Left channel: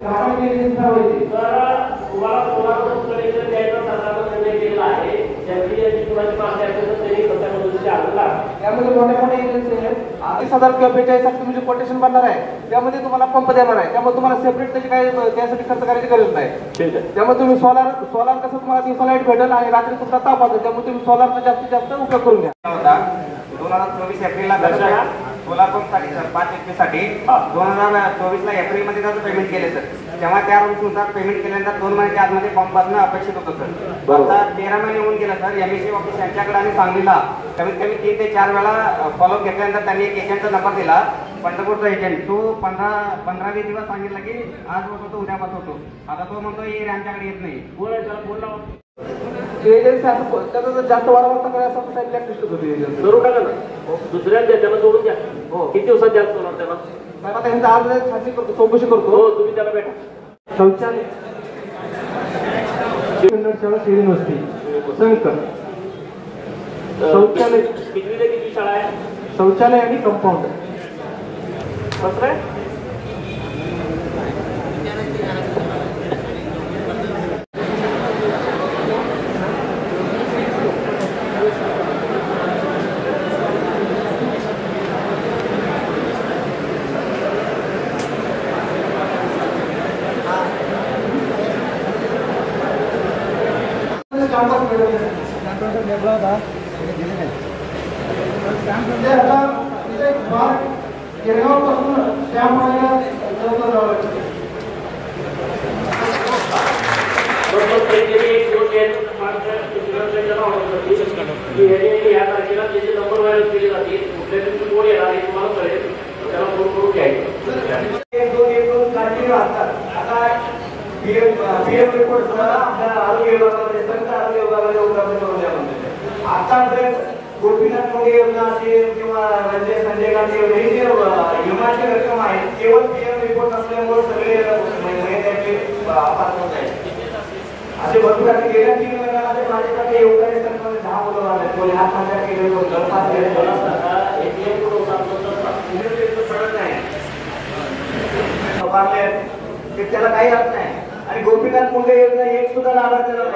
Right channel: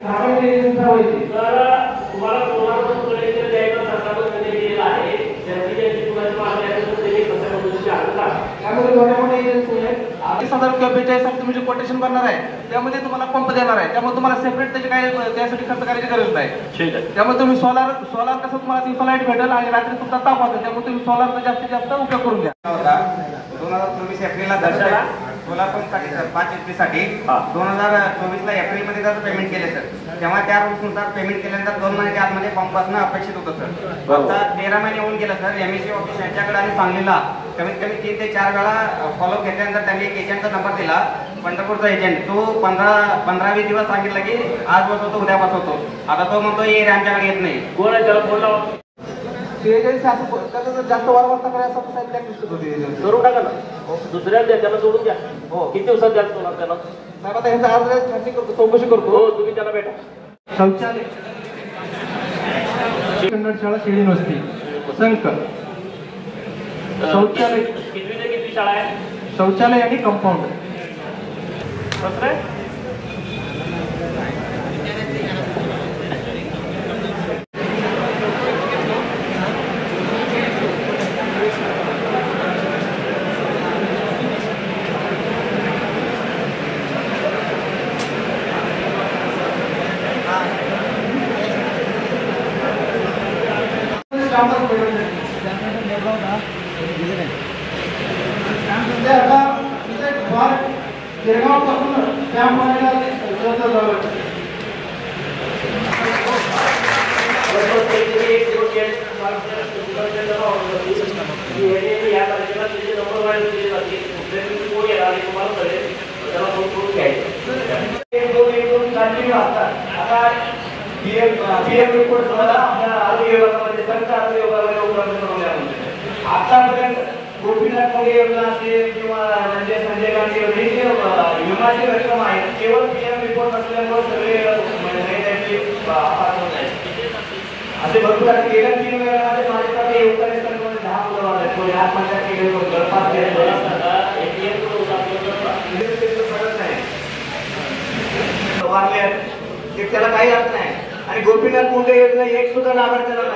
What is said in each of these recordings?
तुम्ही कोटेशन बनणार आहे त्यामध्ये तुम्हाला पंप देणार आहे, त्यामुळे तुम्हाला सेपरेट त्याची काही त्यासाठी खर्च करायची गरज नाही. त्यामुळे तुम्ही सोलार कसं तुम्हाला दिवसा लाईट भेटेल आणि रात्री तुमचा ताप असेल, त्यामुळे तुम्ही सोलारचा जास्तीत जास्त उपयोग करून घ्या. 2024 एप्रिलला सोलार पंपसाठी 5 एप्रिलसाठी 2024ला एप्रिलमध्ये जर पेमेंट केले सर, तेव्हा त्या रूल्सनुसार पेमेंट केल्यानंतर 2 महिन्याच्या आतमध्ये पंप असणं अपेक्षित होतं सर. आता 13 महिने होऊन गेलं सर. MEC ऑफिस यांच्याकडे आम्ही सांगलीला कमीत कमी 3 ते 4 वेळा फॉलोअप घेतल्यानंतर त्यांनी एक एजंटचा नंबर दिला, पंढरपूरचा एजंट. तो 15-20 दिवस सांगितलं की आज बसवतो उद्या बसवतो. आता तो म्हणतो हे आमच्याकडे येत नाही. कोण आहे त्याला फोन लावा. जास्त वारंवार करायचं करू टाका ना, दुसऱ्या त्याला जोडून द्या. हो, किती दिवसात द्याल सोनार त्याला? आता ह्यांचा आज छाननी करतो, चौकशी करतो. हो, तुम्ही त्याला भेटा. शौचालय शाळा शेळी नसती संक शौचालय किती ते किती शाळा आहे? शौचालय आणि कंपाऊंड कसं आहे? गोपीनाथ मध्ये योजना असेल किंवा संजय गांधी विमाची रक्कम आहे, केवळ PM रिपोर्ट असल्यामुळे सगळे असे भरपूर आहे. गेल्या 3 महिन्यामध्ये माझ्याकडे योगदान सरकारने 10 मुलं आले. कोणी आत्महत्या केली, त्याला काही अर्थ नाही. आणि गोपीनाथ मुंडे योजना एक सुद्धा लाभार्थी नाही.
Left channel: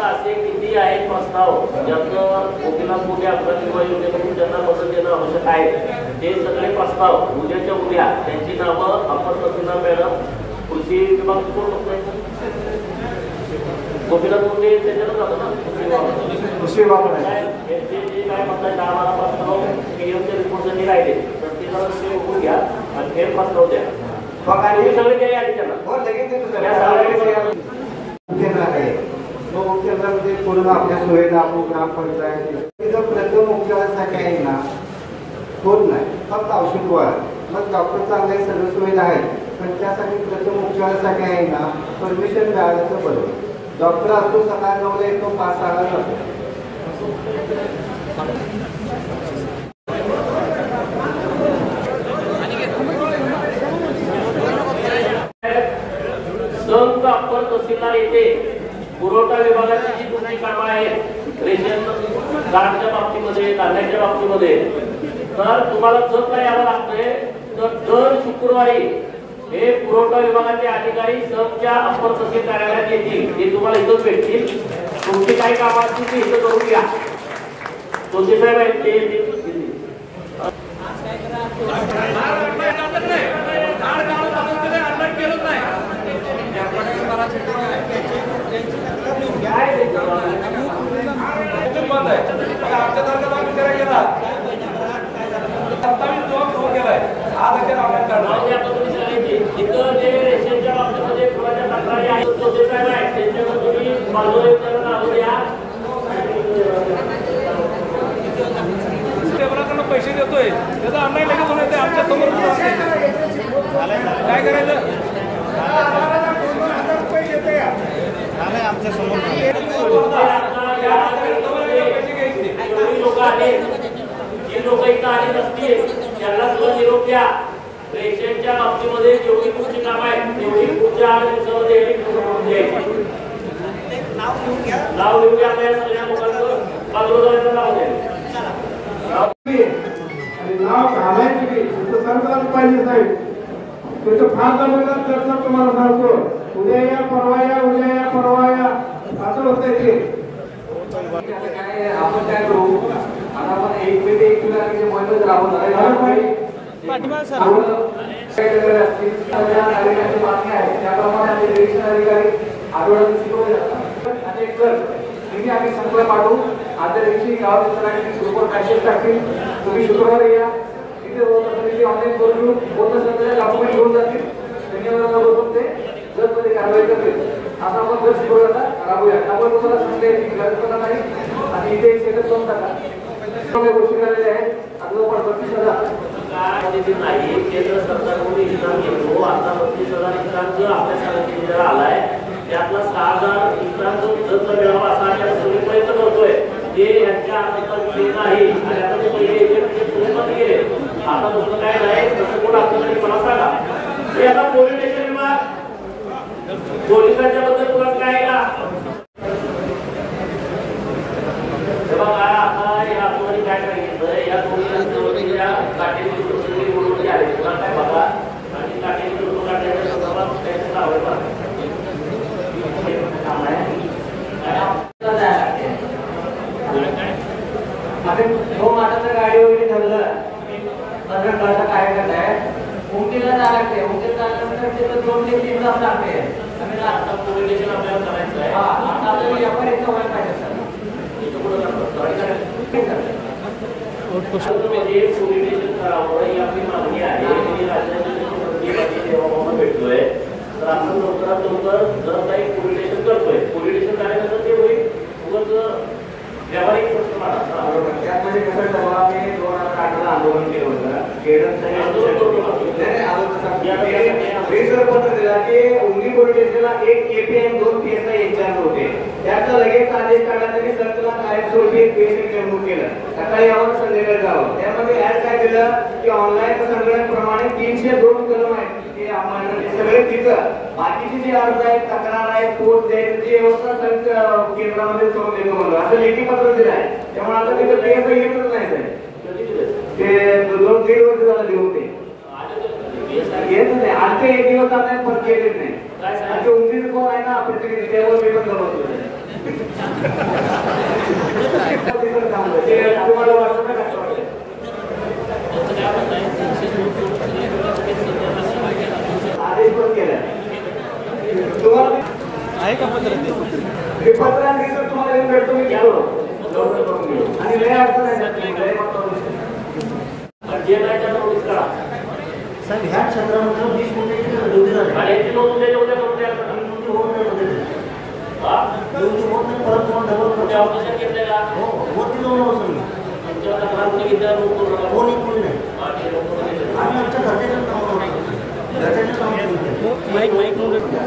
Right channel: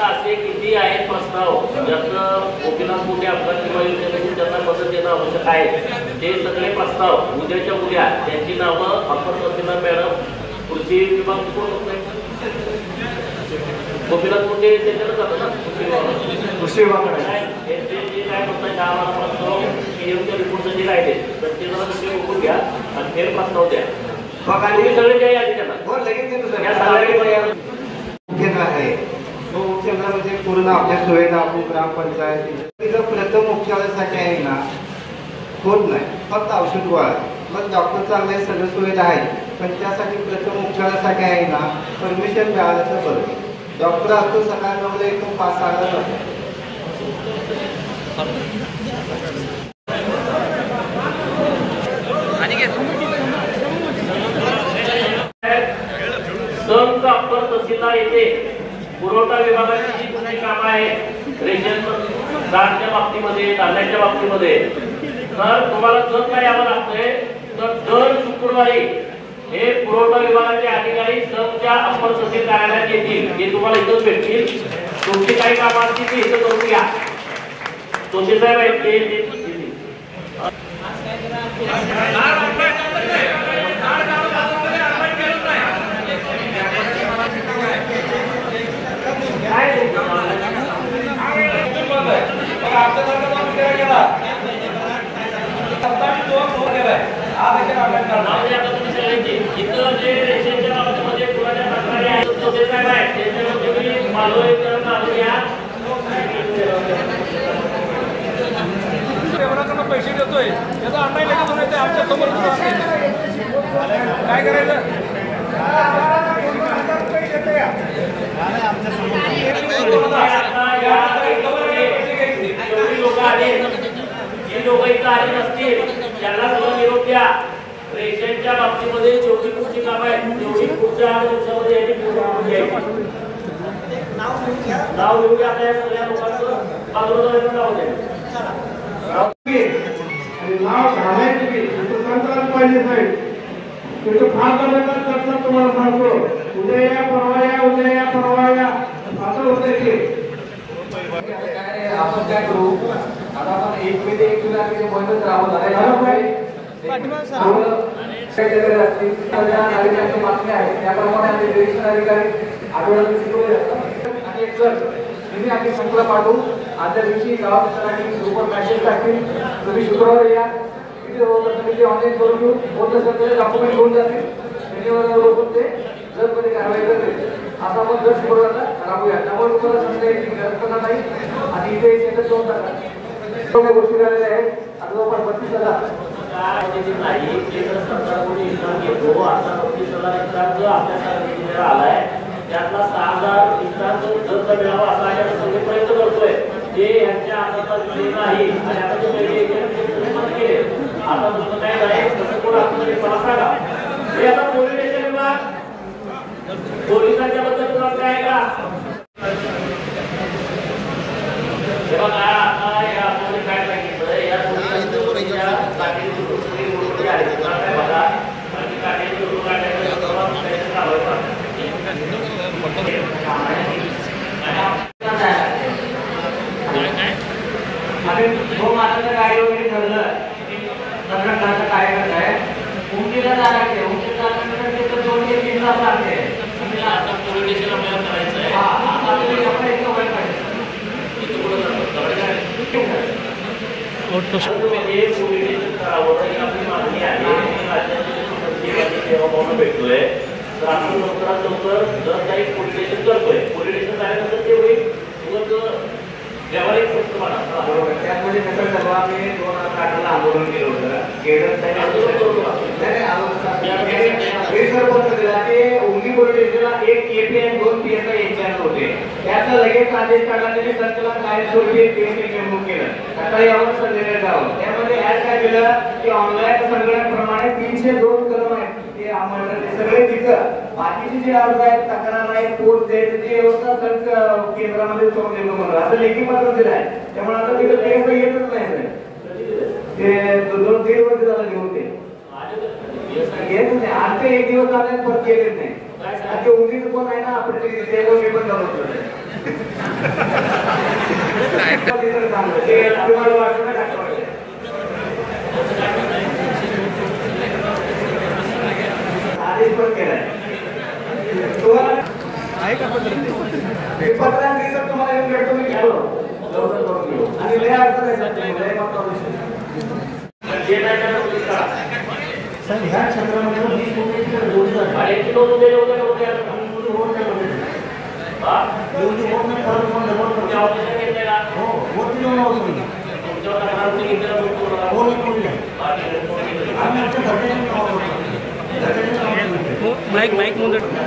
असे किती आहेत प्रस्ताव ज्याचं गोपीनाथ मुंडे अपघात किंवा योजनेसाठी त्यांना मदत देणं आवश्यक आहे, ते सगळे प्रस्ताव उद्याच्या उद्या त्यांची नावं अप्पर तहसीलदार मॅडम, कृषी विभाग कोण गोपीनाथ मुंडे त्याच्यानं जातो ना कृषी विभाग काय म्हणतात 4 प्रस्ताव PMच्या रिपोर्टसाठी राहिले तर ते जरा तुम्ही बघून घ्या आणि फेर प्रस्ताव द्या. सगळे काही आहे त्यांना मुख्यालय म्हणजे पूर्ण आपल्या सुविधा आपण ग्रामपंचायत प्रथम उपचारासाठी आहे ना होत नाही, फक्त औषध गोळा. मग डॉक्टर चांगले सगळ्या सुविधा आहेत, पण त्यासाठी प्रथम उपचारासाठी आहे ना परमिशन मिळालं तर बरोबर. डॉक्टर असतो सकाळ 9ला येतो, 5-6ला जातो. संघ अप्पर तहसीलदार येथे पुरवठा विभागाची जी तुमची कामं आहेत रेशन कार्डच्या बाबतीमध्ये, धान्याच्या बाबतीमध्ये, तर तुम्हाला जर काय यावं लागतंय तर दर शुक्रवारी हे पुरवठा विभागाचे अधिकारी संघच्या अप्पर तहसील कार्यालयात येतील. हे तुम्हाला इथंच भेटतील. तुमची काही कामं असतील ती इथं करून घ्या. जोशी साहेब आहेत ते पैसे देतोय त्याचा ऑनलाईन लगेच होऊन येते आमच्या समोर. काय करायचं आमच्या समोर लोक इथं आले नसतील त्यांना सुद्धा निरोप द्या. रेशनच्या बाबतीमध्ये जेवढी पुढची काम आहे तेवढी पुढच्या दिवसामध्ये नाव लिहून घ्या. सगळ्या लोकांचं नाव द्या. नाव घालायचं पाहिजे साहेब. तुझं फार झालं तर तुम्हाला सांगतो, उद्या या परवा या, उद्या या परवा या, असं होतं ते. आपण काय करू आता, आपण एक मिनिट एक महिन्यात राहू बातमी आहे त्याप्रमाणे निरीक्षण अधिकारी आठवड्यात शिकवले जातात आणि एक सर तुम्ही आम्ही संकल्प पाठवू. आजच्या दिवशी गावात ग्रुपवर मॅसेज टाकतील, तुम्ही शुक्रवारी या, तिथे ऑनलाईन करून घेऊ, बोलत सगळे डॉक्युमेंट घेऊन जातील, त्याच्यावर ते जर तुम्ही कारवाई करते आता आपण जर शुक्रवारला राबूया. त्यामुळे तुम्हाला सांगायची गरज पण नाही आणि इथे सेटअप दोन टाका गोष्टी करायच्या आहेत. आपल्याला पण 32,000 नाही केंद्र सरकारकडून इन्कम घेतो. आता 32,000 जो आपल्या आलाय त्यातला 6,000 इन्कम मिळावा असा आम्ही सगळे प्रयत्न करतोय. जे यांच्या हातात नाही आणि आता जे पहिले केले आता दुसरं काय आहे तसं कोण आपल्याला मला सांगा. ते आता पोलीस स्टेशन पोलिसांच्या बद्दल तुला काय का आता या पोलीस काय सांगितलं या पोलिसांच्या काटेची सगळी गोष्टी आहेत तुला काय बघा आणि काटेची लोक गाडी वगैरे ठरलं संघटनाचा कार्यक्रम आहे. उंचीला जाणार उंचीला जाण्यानंतर 2 ते 3 तास लागते. आता कोविडेशन आपल्याला करायचं आहे. आता तुम्ही आपण इथं वर काढायचं कोविडेशन करावं ही आपली मागणी आहे. भेटलोय तर आपण लवकरात लवकर जर काही कोविडेशन करतोय कोविडेशन झाल्यानंतर ते होईल व्यावहारिक प्रश्न मला बरोबर. त्यामध्ये कसं झालं आम्ही 2008 आंदोलन केलं होतं. उंगी पोलिसला 1 KPN 2 PSI इंचार्ज होते. त्यातलं लगेच आदेश काढला त्यांनी संचालक कायमस्वरूपी PSI नेमणूक केलं. सकाळी यावं संध्याकाळी जावं. त्यामध्ये ऍड काय केलं की ऑनलाईन संगणकाप्रमाणे 302 कलम आहेत सगळे तिथं बाकीची जी अर्ज आहेत तक्रार आहे पोस्ट आहे ती व्यवस्था केंद्रामध्ये सोडून असं लेखी पत्र दिलं आहे. त्यामुळे आता तिथं PSI येतच नाही. ते 2-1.5 वर्ष झालं घेऊन ते येत नाही. आज ते 1 दिवस आले परत येत नाही. ते उंदीचं कोण आहे ना त्यामुळे मी पण करतो तुम्हाला वाटत नाही आदेश पण केलाय तुम्हाला हे पत्रांनी जर तुम्हाला येऊन भेटतो मी आणि लय अडचण आहे सर ह्या क्षेत्रामध्ये 20 कोटी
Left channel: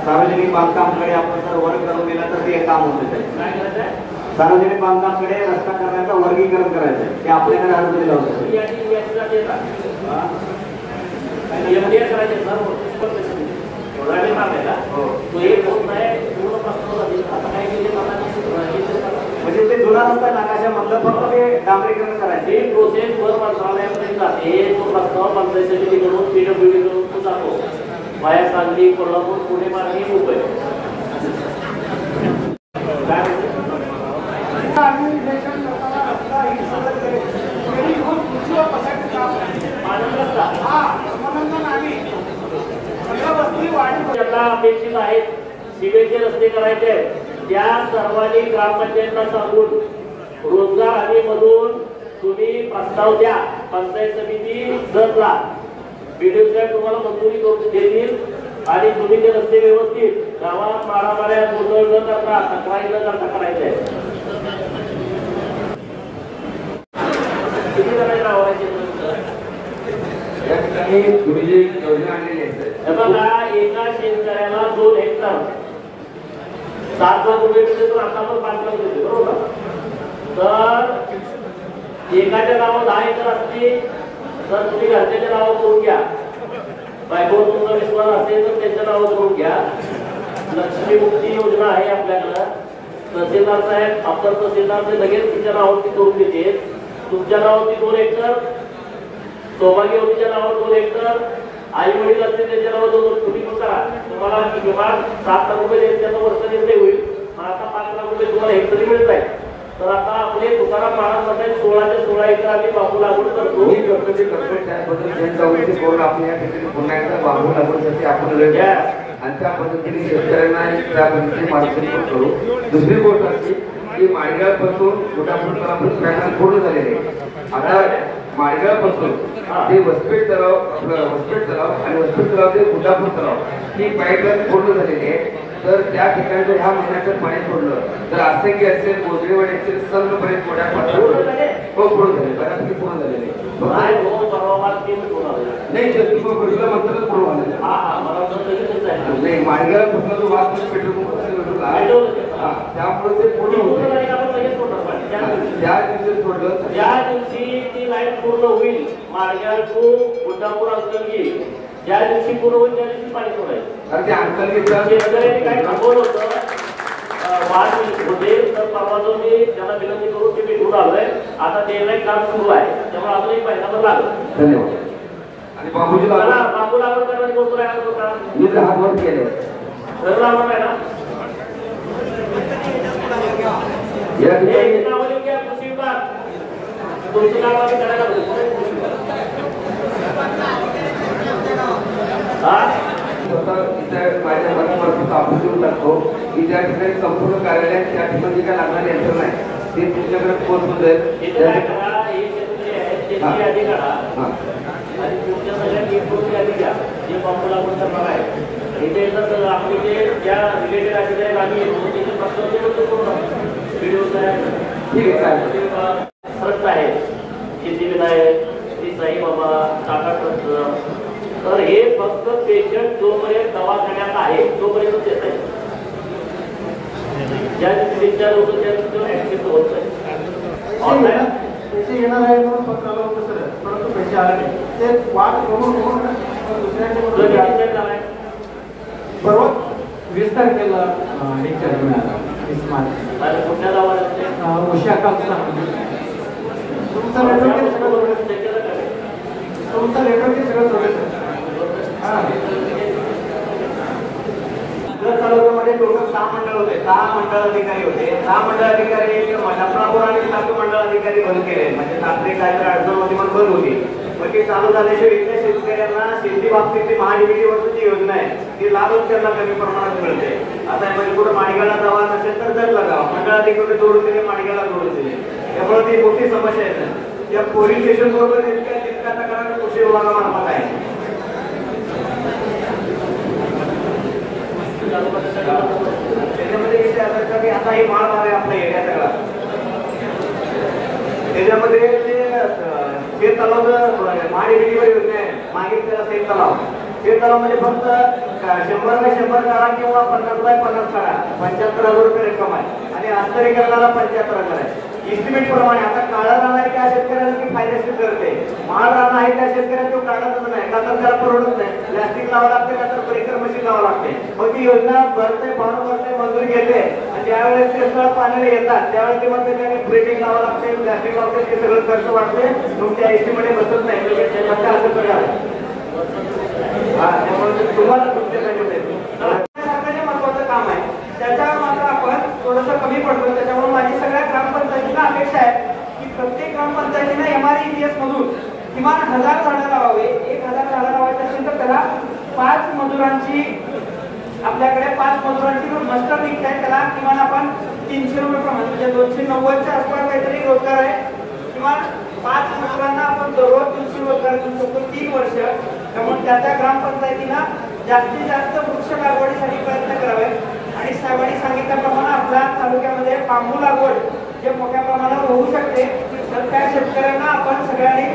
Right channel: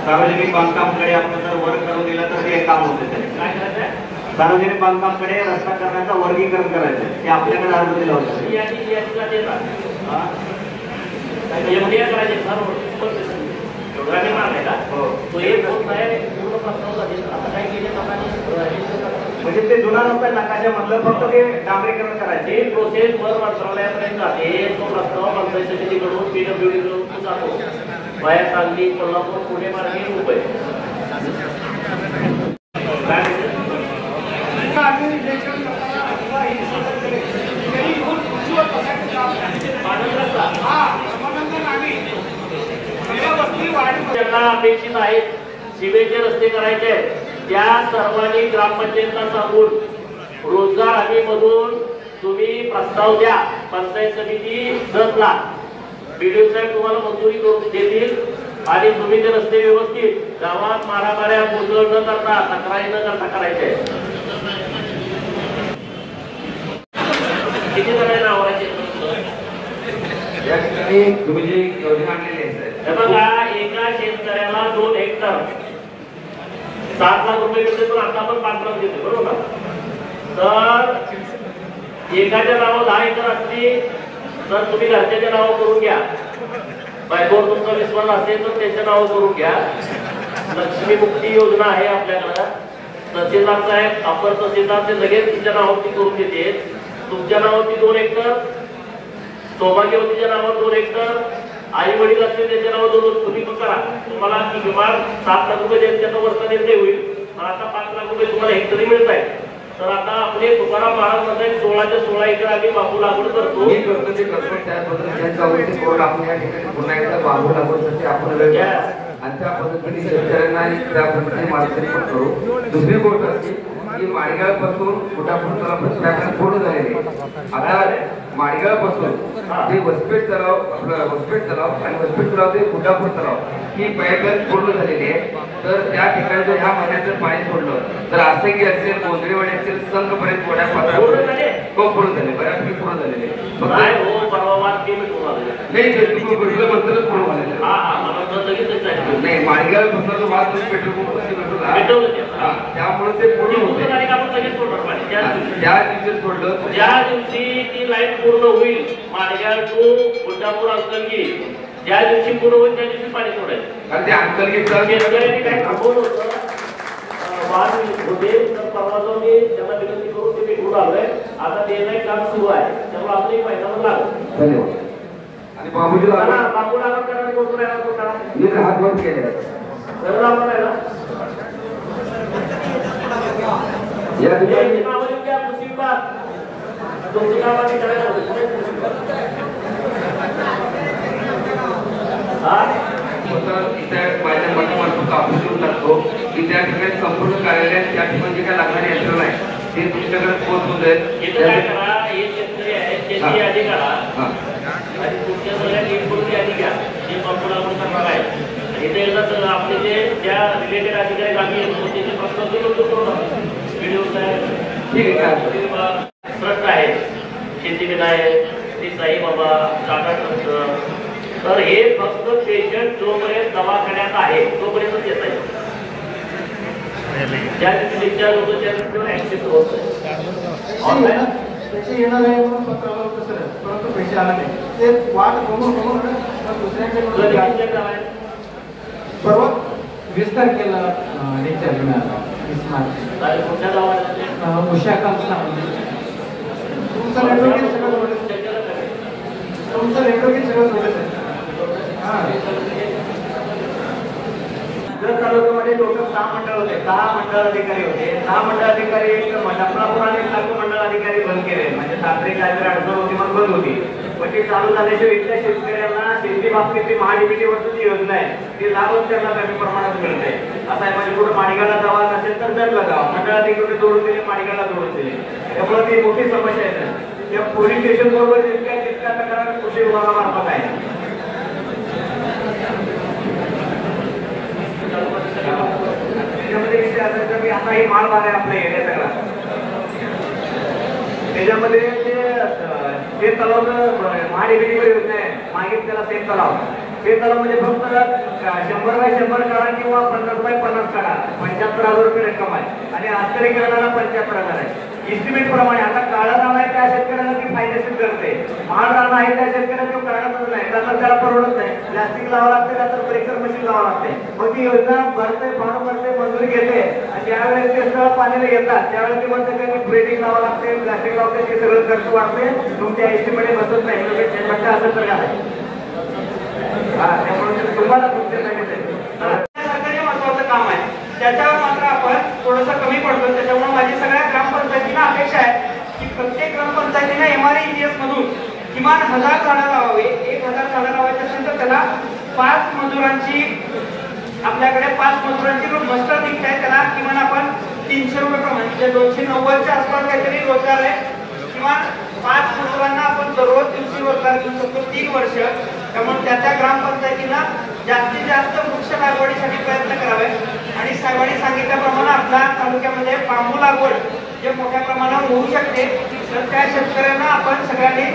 सार्वजनिक बांधकामकडे आपण जर वर्ग करून दिला तर ते काम होते. सार्वजनिक बांधकामकडे रस्ता करण्याचं वर्गीकरण करायचं ते आपल्याकडे अर्ज दिला होता. म्हणजे ते जुना रस्ता नकाशामधलं फक्त ते डांबरीकरण करायचे प्रोसेस वर मंत्रालयापर्यंत जाते. तो प्रस्ताव मंत्रालयाकडून PWD कडून जातो वाया सांगली कोल्हापूर पुणे मार्गे मुंबई. अपेक्षित आहेत सिमेंटचे रस्ते करायचे त्या सर्वांनी ग्रामपंचायतला सांगून रोजगार हमीमधून तुम्ही प्रस्ताव द्या. पंचायत समिती 10 लाख BDO साहेब तुम्हाला मंजुरी करून देतील आणि तुम्ही ते रस्ते व्यवस्थित गावात मारामाऱ्या गोंधळ न करता तक्रारी न करता करायचे. किती जणांना आवडायचे तुम्ही जी योजना आणलेली आहे हे बघा एका शेतकऱ्याला 2 हेक्टर 7 लाख रुपये देतो. आता आपण 5 लाख देतो बरोबर. तर एकाच्या नावावर 10 एकर असते तर तुम्ही घरच्याच्या नावावर करून घ्या. बायकोवर तुमचा विश्वास असेल तर त्यांच्या नावावर करून घ्या. लक्ष्मी मुक्ती योजना आहे आपल्याकडं. तहसीलदारचा आहे अपर तहसीलदार ते लगेच तुमच्या नावावरती करून देते. तुमच्या नावावरती 2 हेक्टर सौभाग्यवतीच्या नावावर 2 हेक्टर आई वडील असतील त्यांच्या नावावर तुम्ही पण करा. तुम्हाला किमान 7 लाख रुपये त्यांच्या वर्ष निर्णय होईल. आता 5 लाख रुपये तुम्हाला हेक्टरी मिळत आहे. तर आता आपले तुकाराम महाराज म्हणतात 16च्या 16 एकर आम्ही बांबू लागवड करतो. मी करतो ते करतो त्याबद्दल जनजागृती बोर्ड आपण या ठिकाणी पुन्हा एकदा बांबू लागवडीसाठी आपण लढ घ्या आणि त्या पद्धतीने शेतकऱ्यांना त्या पद्धतीने मार्गदर्शन करू. दुसरी गोष्ट अशी की माडगाव पासून कुठापर्यंत पूर्ण झालेले आता माडगाव पासून ते वसपेट तलाव आणि वसपेट तलाव ते कुठापूर तलाव ही पाईपलाईन पूर्ण झालेली आहे. तर त्या ठिकाणी जर ह्या महिन्यात जर पाणी सोडलं तर आसंगी असेल गोंधळेवाडी असेल संघपर्यंत पूर्ण झाले बऱ्यापैकी पूर्ण झालेले नाही तुम्ही गोष्टीला मंत्र पूर्ण झालेलं नाही. माडगावपासून जो वाद पेट्रोल त्यामुळे ते पूर्ण होते. त्या दिवशी सोडलं ज्या दिवशी ती लाईन पूर्ण होईल माडगाव टू गुंडापूर अंकलगी ज्या दिवशी पूर्ण होईल त्या दिवशी पाणी सोडायचं. आणि ते अंकलगीचा शेतकऱ्यांनी काय थांबवलं होतं वाद होते. तर परवा जो मी त्यांना विनंती करून ते मी घेऊन आलोय. आता ते काम सुरू आहे त्यामुळे अजून एक महिनाभर लागेल. धन्यवाद. आणि बांबूजीला बांबू लागवड करणारी कोण राहणार तो काम मी तर हातवर केले आपण आहे ना या ठिकाणी तुमची नाव आम्ही करायला माझ्या मनामार्फत आपण देऊन टाकतो की त्या ठिकाणी संपूर्ण कार्यालयात त्या ठिकाणी काय लागणारी यंत्रणा आहे ते तुमच्याकडे पोहोचून जाईल. हे शेतकरी आहे शेती आधी करा आणि तुमच्या सगळ्या टीमकडून आधी घ्या जे पंप लागून करणार आहे. इथे येतात तर आपले जे ज्या रिलेटेड अधिकारी आम्ही येतो त्याचे प्रश्न व्हिडिओ ठीक आहे. प्रश्न आहे शेती विधायक श्री साई बाबा टाटा ट्रस्ट. तर हे फक्त पेशंट जोपर्यंत दवाखान्यात आहे तोपर्यंत येत आहे. ज्या दिवशी डिस्चार्ज होतो त्या दिवशी ऍक्सेप्ट होत नाही. पैसे येणार आहे म्हणून पत्राला बसलं परंतु पैसे आला नाही. ते वाट बघून दुसऱ्याकडे परवा 20 तारखेला डिस्चार्ज मिळाला. 20 मार्च कुठल्या दवाखान्यात उशाखाचा तुमचं नेटवर्क सगळं बघत आहे. जर तालुक्यामध्ये टोटल 6 मंडळ होते 6 मंडळ अधिकारी होते. 6 मंडळ अधिकारी मशापूर आणि 7 मंडळ अधिकारी बंद केले. म्हणजे साखरे काहीतरी अडचण होती पण बंद होती. मग ते चालू झाल्याशिवाय इथल्या शेतकऱ्यांना शेती बाबतीतली महाडीबीटी वरची योजना आहे ती लाभच त्यांना कमी प्रमाणात मिळते. आता म्हणजे कुठं माडगावला जावा नसेल तर जर लगा मंडळ अधिकारी जोडून दिले माडगावला जोडून दिले. त्यामुळे ती मोठी समस्या आहे. त्या पोलीस स्टेशन बरोबर तितक्या तक्रार कृषी विभागामार्फत आहे. त्याच्यामध्ये विषय असायचा की आता ही माल आहे आपल्या एरिया सगळा त्याच्यामध्ये ते तलाव महाडिबीटीवर योजना आहे. मागितलं त्याला सेम तलाव म्हणजे फक्त 100x100 काढा किंवा 50x50 काढा 75,000 रुपये रक्कम आहे आणि आश्चर्य करणारा 75,000 आहे. इस्टिमेट प्रमाणे आता काढा जाणार त्या शेतकऱ्यांना ती फायदेशीर करते. महाड राहणार आहे त्या शेतकऱ्यांना तो काढतच नाही का तर त्याला परवडत नाही. प्लास्टिक लावावं लागते का तर ब्रेकर मशीन लावावं लागते. मग ती योजना भरते फॉर्म करते मंजुरी घेते आणि ज्यावेळेस ते स्थळ पाण्याला येतात त्यावेळेस ते म्हणते की ब्रेकिंग लावावं लागते प्लास्टिक लावते ते सगळं खर्च वाढते तुमच्या एस्टिमेट बसत नाही असं सगळं आहे. त्यामुळे तुम्हाला सरकारी महत्वाचं काम आहे त्याच्यावर मात्र आपण थोडंसं कमी पडतो. त्याच्यामुळे माझी सगळ्या ग्रामपंचायतींना अपेक्षा आहे की प्रत्येक ग्रामपंचायतीने MREGS मधून किमान 1000 झाडं लावावी. 1000 झाडं लावायची असेल तर त्याला 5 मजुरांची आपल्याकडे 5 मजुरांची मस्टर निघताय त्याला किमान आपण 300 रुपये प्रमाणे म्हणजे 290च्या आसपास काहीतरी रोजगार आहे. किमान 5 मजुरांना आपण दररोज दिवशी रोजगार देऊ शकतो 3 वर्ष. त्यामुळे त्या ग्रामपंचायतीनं जास्तीत जास्त वृक्ष लागवडीसाठी प्रयत्न करावे आणि साहेबांनी सांगितल्याप्रमाणे आपल्या तालुक्यामध्ये बांबू लागवड जे मोठ्या प्रमाणावर होऊ शकते तर त्या शेतकऱ्यांना आपण सगळ्यांनी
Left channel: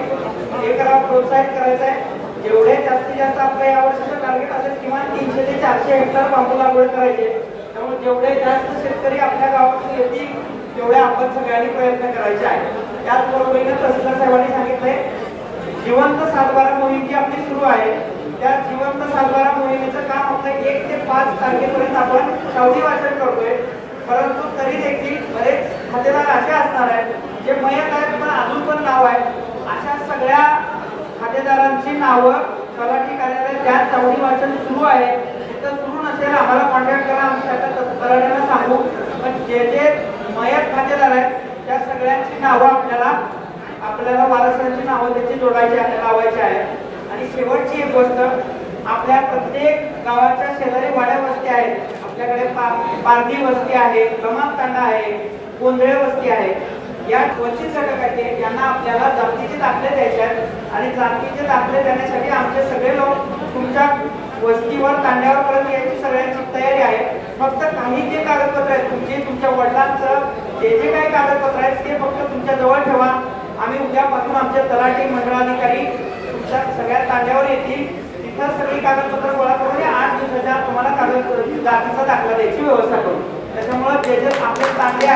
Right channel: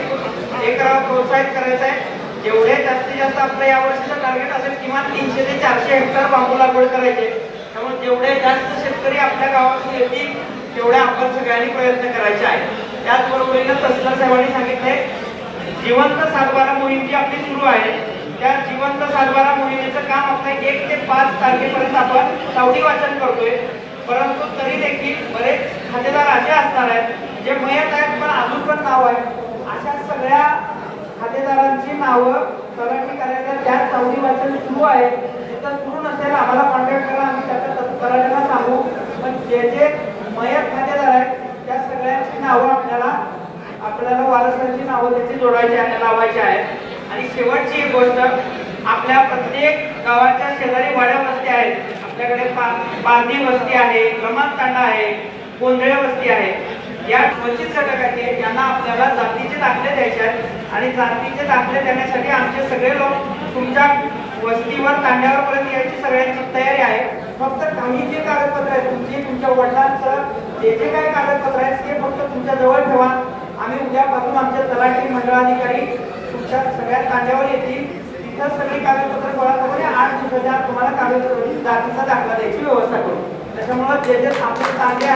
हे करावं प्रोत्साहित करायचं आहे. जेवढे जास्तीत जास्त आपलं यावर्षीचं टार्गेट असेल किमान 300 ते 400 हेक्टर बांबू लागवड करायचे. त्यामुळे जेवढे जास्त शेतकरी आपल्या गावातून येतील तेवढे आपण सगळ्यांनी प्रयत्न करायचे आहे. त्याचबरोबरीनं तहसीलदार साहेबांनी सांगितले जिवंत सातबारा मोहीम जी आपली सुरू आहे त्या जिवंत सातबारा मोहिमेचं काम आपलं 1 ते 5 तारखेपर्यंत आपण सावधी वाचन करतोय. परंतु तरी देखील बरेच खातेदार असे असणार आहेत जे मयत आहेत पण अजून पण नाव आहे. अशा सगळ्या खातेदारांची नावं तलाठी कार्यालय ज्या चौथी वर्षांनी सुरू आहे तिथं सुरू नसेल आम्हाला कॉन्टॅक्ट करा, आम्ही त्याच्या तलाठीला सांगू. पण जे जे मयत खातेदार आहेत त्या सगळ्यांची नावं आपल्याला वारसांची नावं त्याची जोडायची आहे, लावायची आहे. आणि शेवटची एक गोष्ट, आपल्या प्रत्येक गावाच्या शेजारी वाड्या वस्ती आहेत. आपल्याकडे पारधी वस्ती आहे, क्रमांक तांडा आहे, गोंधळे वस्ती आहे. या वंचित घटकाचे यांना आपल्याला जातीचे दाखले द्यायचे आहेत आणि जातीचे दाखले देण्यासाठी आमचे सगळे लोक तुमच्या वस्तीवर तांड्यावर परत यायची सगळ्यांची तयारी आहे. फक्त काही जे कागदपत्र आहेत तुमचे, तुमच्या वडिलांचं जे जे काही कागदपत्र आहेत ते फक्त तुमच्या जवळ ठेवा. आम्ही उद्यापासून आमचे तलाठी मंडळाधिकारी तुमच्या सगळ्या तांड्यावर येतील. तिथं सगळी कागदपत्र गोळा करून 8 दिवसाच्या तुम्हाला जातीचा दाखला द्यायची व्यवस्था करू. त्याच्यामुळे जे जे आपले तांडे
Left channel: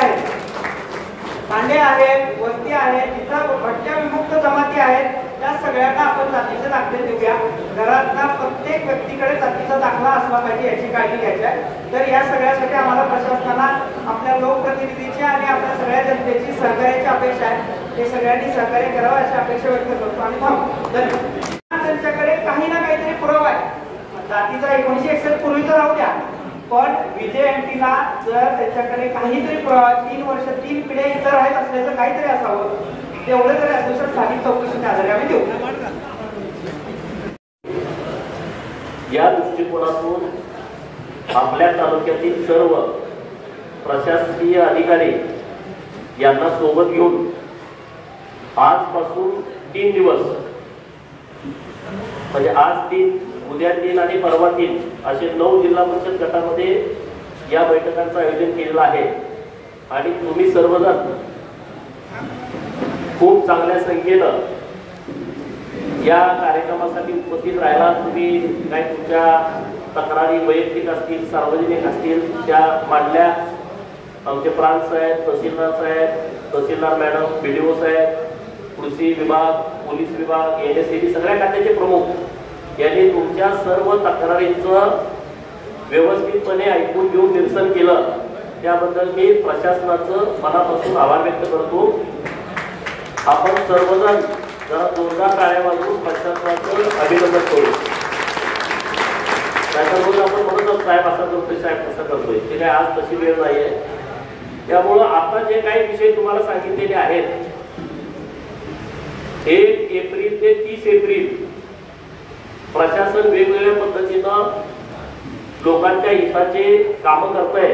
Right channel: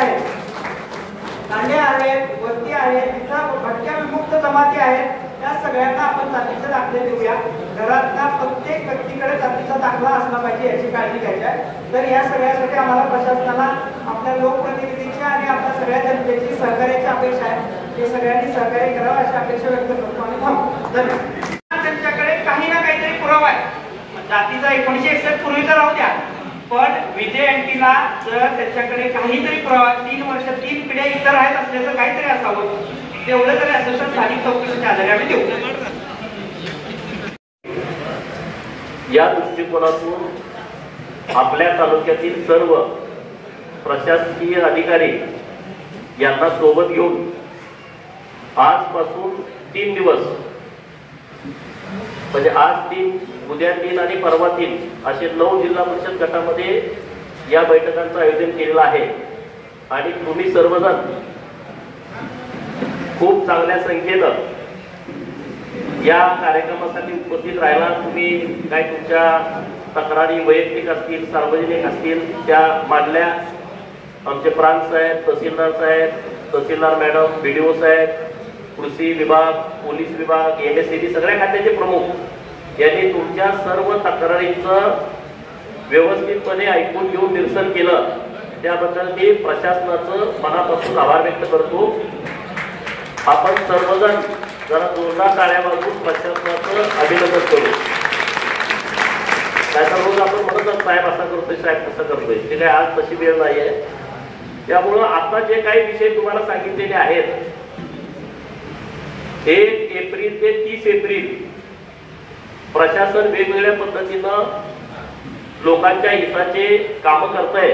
आहेत, वस्ती आहेत, तिथं भटक्या विमुक्त जमाती आहेत, त्या सगळ्यांना आपण जातीचे दाखले देऊया. घरातल्या प्रत्येक व्यक्तीकडे जातीचा दाखला असला पाहिजे याची काळजी घ्यायची आहे. तर या सगळ्यासाठी आम्हाला प्रशासनाला आपल्या लोकप्रतिनिधीची आणि आपल्या सगळ्या जनतेची सहकार्याची अपेक्षा आहे. हे सगळ्यांनी सहकार्य करावं अशी अपेक्षा व्यक्त करतो आणि धन्यवाद. त्यांच्याकडे काही ना काहीतरी पुरावा आहे. जातीचा 1961 पूर्वीचा राहू द्या, पण विजय अँटीला जर त्याच्याकडे काहीतरी पुरावा 3 वर्ष 3 पिढ्या इतर आहेत असल्याचं काहीतरी असावं, तेवढं जरी असेल तर स्थानिक चौकशीच्या आधारे आम्ही देऊ. या दृष्टिकोनातून आपल्या तालुक्यातील सर्व प्रशासकीय अधिकारी यांना सोबत घेऊन आजपासून 3 दिवस म्हणजे आज 3, उद्या 3 आणि परवा 3 असे 9 जिल्हा परिषद गटामध्ये या बैठकांचं आयोजन केलेलं आहे. आणि तुम्ही सर्वजण खूप चांगल्या संख्येनं या कार्यक्रमासाठी उपस्थित राहिला. तुम्ही काही तुमच्या तक्रारी वैयक्तिक असतील, सार्वजनिक असतील त्या मांडल्या. आमचे प्रांत साहेब, तहसीलदार साहेब, तहसीलदार मॅडम, BDO साहेब, कृषी विभाग, पोलीस विभाग, NSCB सगळ्या खात्याचे प्रमुख यांनी तुमच्या सर्व तक्रारींचं व्यवस्थितपणे ऐकून घेऊन निरसन केलं. त्याबद्दल मी प्रशासनाचं मनापासून आभार व्यक्त करतो. आपण सर्वजण जरा जोरदार टाळ्या वाजवून प्रशासनाचं अभिनंदन करू. त्याच्याबरोबर आपण म्हणूनच साहेब असं करतोय, साहेब कसं करतोय, ते काय आज तशी वेळ नाहीये. त्यामुळं आता जे काही विषय तुम्हाला सांगितलेले आहेत 1 एप्रिल ते 30 एप्रिल प्रशासन वेगवेगळ्या पद्धतीनं लोकांच्या हिताचे कामं करतंय.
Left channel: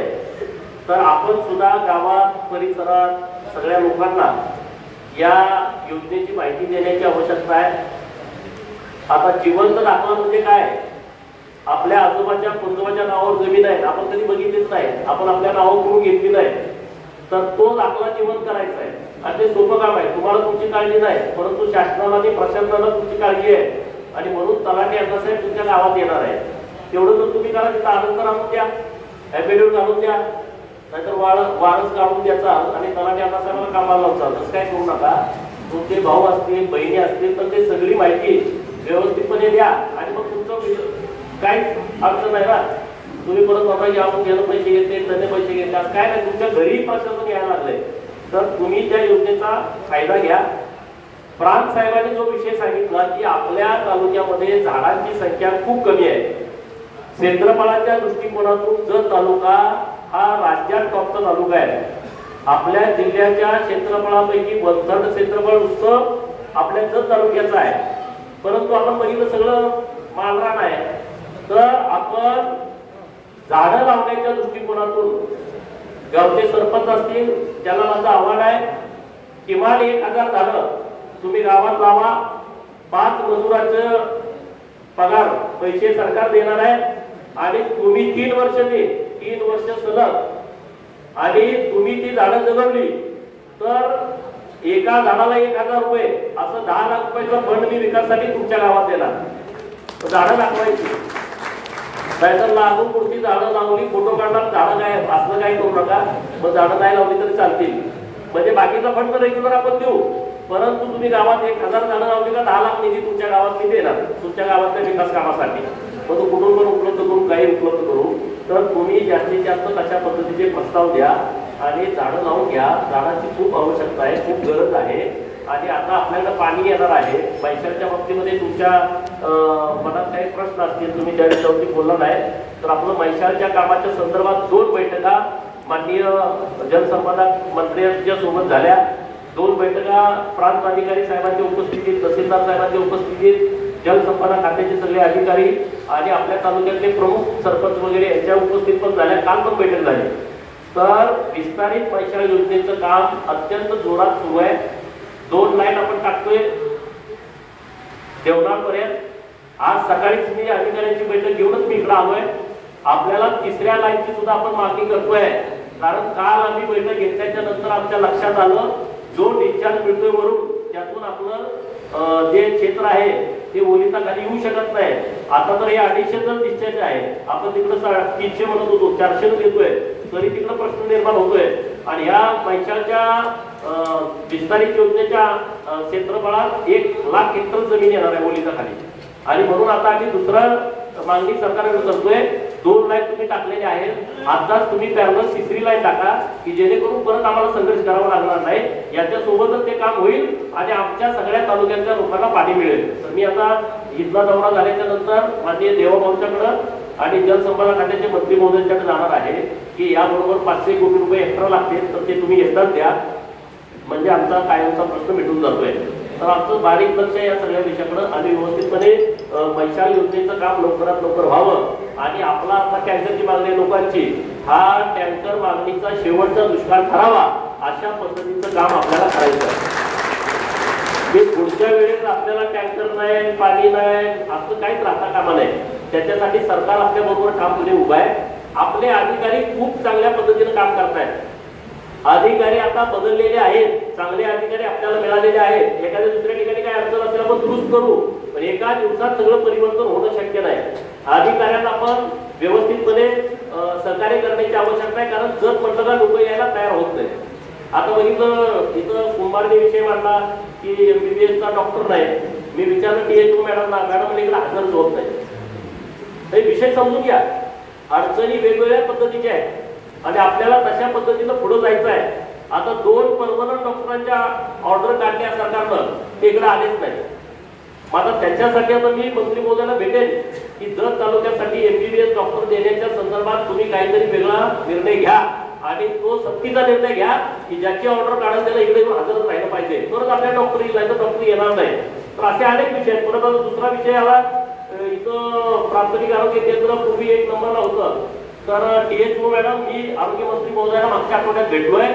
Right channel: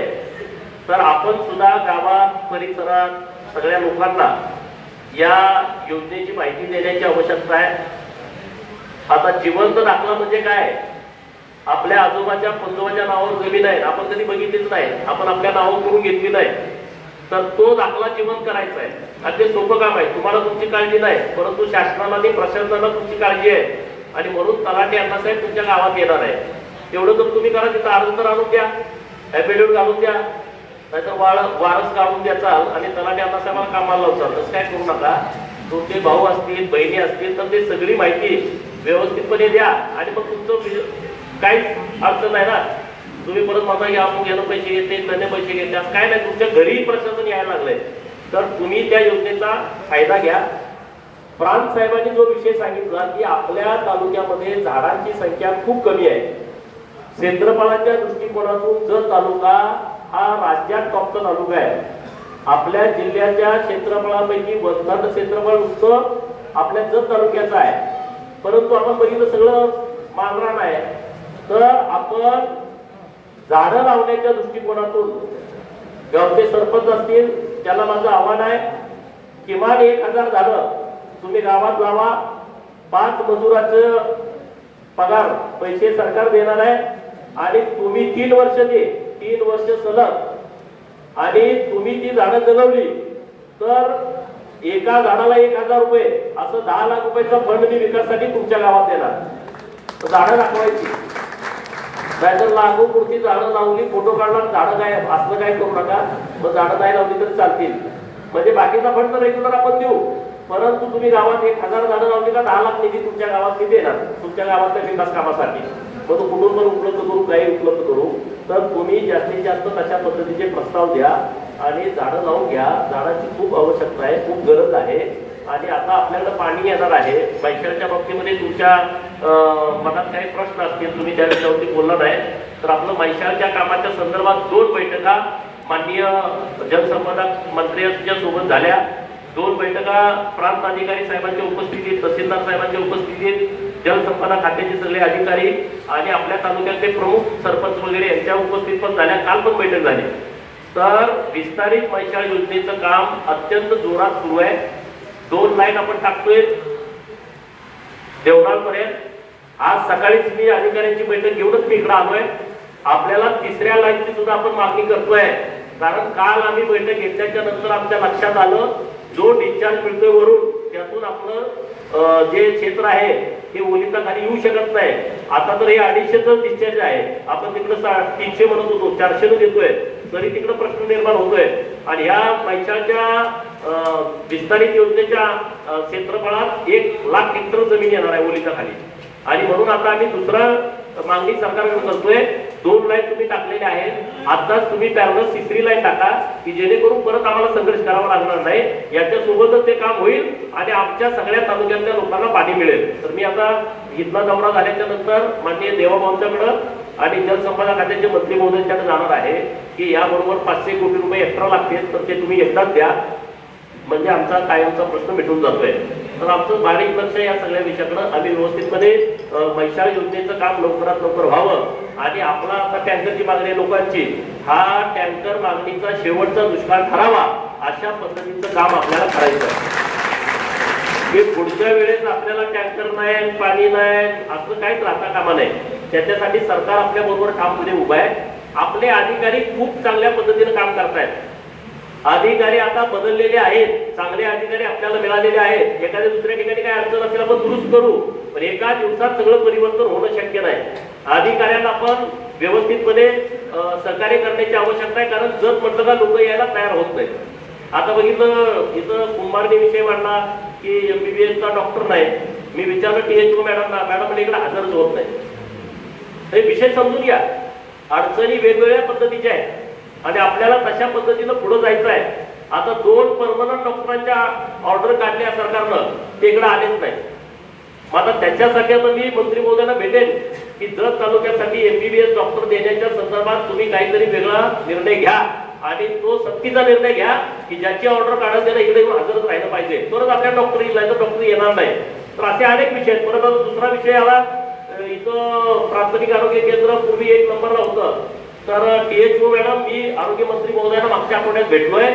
तर आपण सुद्धा गावात, परिसरात सगळ्या लोकांना या योजनेची माहिती देण्याची आवश्यकता आहे. आता जिवंत दाखला म्हणजे काय? आपल्या आजोबाच्या पंजोबाच्या नावावर जमीन आहे, आपण कधी बघितलीच नाही, आपण आपल्या नावावर करून घेतली नाही, तर तो दाखला जिवंत करायचा आहे. आणि ते सोपं काम आहे. तुम्हाला तुमची काळजी नाही, परंतु शासनाला आणि प्रशासनाला तुमची काळजी आहे. आणि म्हणून तलाठी अण्णासाहेब तुमच्या गावात येणार आहे. तेवढं जर तुम्ही करा, तिथं आनंद आणून द्या, ऍफिडेव्हिट घालून द्या, नाहीतर वारस काढून द्याचा आणि तलाठी अण्णासाहेबांना कामाला लावचा. तसं काय करू नका. तुमचे भाऊ असतील, बहिणी असतील तर ते सगळी माहिती व्यवस्थितपणे द्या. आणि मग तुमचं काहीच अडचण नाही ना. तुम्ही परत म्हणता की आपण गेलं पैसे घेते, त्याने पैसे घेते, असं काय नाही. तुमच्या घरी प्रशासन यायला लागलंय तर तुम्ही त्या योजनेचा फायदा घ्या. प्रांत साहेबांनी जो विषय सांगितला की आपल्या तालुक्यामध्ये झाडांची संख्या खूप कमी आहे. क्षेत्रफळाच्या दृष्टिकोनातून जत तालुका हा राज्यात टॉपचा तालुका आहे. आपल्या जिल्ह्याच्या क्षेत्रफळापैकी 1/3 क्षेत्रफळ नुसतं आपल्या जत तालुक्याचं आहे. परंतु आपण बघितलं सगळं मालरान आहे. तर आपण झाडं लावण्याच्या दृष्टिकोनातून गावचे सरपंच असतील त्याला माझं आव्हान आहे, किमान 1000 झाडं तुम्ही गावात लावा. 5 मजुराचं पगार पैसे सरकार देणार आहे आणि तुम्ही 3 वर्ष ते 3 वर्ष सलग आणि तुम्ही ती झाडं जगवली तर एका झाडाला 1000 रुपये असं 10 लाख रुपयाचा फंड मी विकासासाठी तुमच्या गावात देणार. झाडं दाखवायची, नाहीतर लागूपुरती झाडं लावली, फोटो काढला, झाडं काय असलं काय करू नका. मग झाडं नाही लावली तरी चालतील. म्हणजे बाकीचा फंड रेग्युलर आपण देऊ, परंतु तुम्ही गावात 1000 झाडं लावली का 10 लाख निधी तुमच्या गावात मी देणार तुमच्या गावाच्या विकास कामासाठी. मग तो कुठून पण उपलब्ध करू, काही उपलब्ध करू. तर तुम्ही जास्तीत जास्त तशा पद्धतीचे प्रस्ताव द्या आणि झाडं लावून घ्या. झाडांची खूप आवश्यकता आहे, खूप गरज आहे. आणि आता आपल्याला पाणी येणार आहे. पैशाच्या बाबतीमध्ये तुमच्या मनात काही प्रश्न असतील, तुम्ही त्या विषयावरती बोलला नाही, तर आपलं म्हैसाळच्या कामाच्या संदर्भात 2 बैठका माननीय जलसंपदा मंत्र्यांच्या सोबत झाल्या. 2 बैठका प्रांत अधिकारी साहेबांच्या उपस्थितीत, तहसीलदार साहेबांच्या उपस्थितीत, जलसंपदा खात्याचे सगळे अधिकारी आणि आपल्या तालुक्यातले प्रमुख सरपंच वगैरे यांच्या उपस्थित पण झाल्या. काल पण बैठक झाली. तर विस्तारित म्हैसाळ योजनेचं काम अत्यंत जोरात सुरू आहे. 2 लाईन आपण टाकतोय देवनाळपर्यंत. आज सकाळीच मी अधिकाऱ्यांची बैठक घेऊनच मी इकडे आलोय. आपल्याला 3ऱ्या लाईनची सुद्धा आपण मागणी करतोय, कारण काल आम्ही बैठक घेतल्याच्या नंतर आमच्या लक्षात आलं जो डिस्चार्ज मिळतोय वरून त्यातून आपलं जे क्षेत्र आहे ते ओलिता खाली येऊ शकत नाही. आता तर हे 250च डिस्चार्ज आहे. आपण तिकडं 300 म्हणत होतो, 400 देतोय, तरी तिकडं प्रश्न निर्माण होतोय. आणि ह्या म्हैसाळच्या विस्तारित योजनेच्या क्षेत्रफळात 1,00,000 हेक्टर जमीन येणार आहे ओलिता खाली. आणि म्हणून आता आम्ही दुसरं मागणी सरकारकडे करतोय. 2 लाईन तुम्ही टाकलेले आहेत, आताच तुम्ही पॅरलल 3री लाईन टाका, की जेणेकरून परत आम्हाला संघर्ष करावा लागणार नाही. याच्यासोबतच ते काम होईल आणि आमच्या सगळ्या तालुक्यातल्या लोकांना पाणी मिळेल. तर मी आता इथला दौरा झाल्याच्या नंतर माननीय देवाभाऊंच्याकडं आणि जलसंपदा खात्याचे मंत्री महोदयांच्याकडे जाणार आहे, की याबरोबर 500 कोटी रुपये एक्स्ट्रा लागतील, तर ते तुम्ही एकदाच द्या, म्हणजे आमचा कायमचा प्रश्न मिटून जातोय. तर आमचं बारीक लक्ष या सगळ्या विषयाकडे आम्ही व्यवस्थितपणे म्हैसाळ योजनेचं काम लवकरात लवकर व्हावं आणि आपला आता टँकरची मागणी लोकांची, हा टँकर मागणीचा शेवटचा दुष्काळ ठरावा अशा पद्धतीचं काम आपल्याला करायचं आहे. पुढच्या वेळेस आपल्याला टँकर नाही, पाणी नाही असं काहीच राहता कामा नाही. त्याच्यासाठी सरकार आपल्या बरोबर ठामपणे उभा आहे. आपले अधिकारी खूप चांगल्या पद्धतीने काम करतायत. अधिकारी आता बदललेले आहेत, चांगले अधिकारी आपल्याला मिळालेले आहेत. एखाद्या दुसऱ्या ठिकाणी काय अडचण असेल आपण दुरुस्त करू, पण एका दिवसात सगळं परिवर्तन होणं शक्य नाही. अधिकाऱ्यांना आपण व्यवस्थितपणे सहकार्य करण्याची आवश्यकता आहे, कारण जर म्हटलं का लोक यायला तयार होत नाही. आता बघितलं इथं कुंभारने विषय मांडला की MBBS चा डॉक्टर नाही. मी विचारलं THO मॅडमला, मॅडम इकडे हजरच होत नाही. विषय समजून घ्या. अडचणी वेगवेगळ्या पद्धतीच्या आहेत आणि आपल्याला तशा पद्धतीनं पुढे जायचं आहे. आता 2 परमनंट डॉक्टरांच्या ऑर्डर काढल्या सरकारनं, ते इकडे आलेच नाही. आता त्याच्यासाठी आता मी मंत्री महोदयांना भेटेन की जत तालुक्यासाठी MBBS डॉक्टर देण्याच्या संदर्भात तुम्ही काहीतरी वेगळा निर्णय घ्या आणि तो सक्तीचा निर्णय घ्या की ज्याची ऑर्डर काढायला त्याला इकडे येऊन हजरच राहिलं पाहिजे, तरच आपल्या डॉक्टर येईल, नाही तर डॉक्टर येणार नाही. तर असे अनेक विषय आहेत. परत दुसरा विषय आला, इथं प्राथमिक आरोग्य केंद्र पूर्वी 1 नंबरला होतं. तर THO मॅडम, मी आरोग्य मंत्री महोदयांना मागच्या आठवड्यात भेटलोय.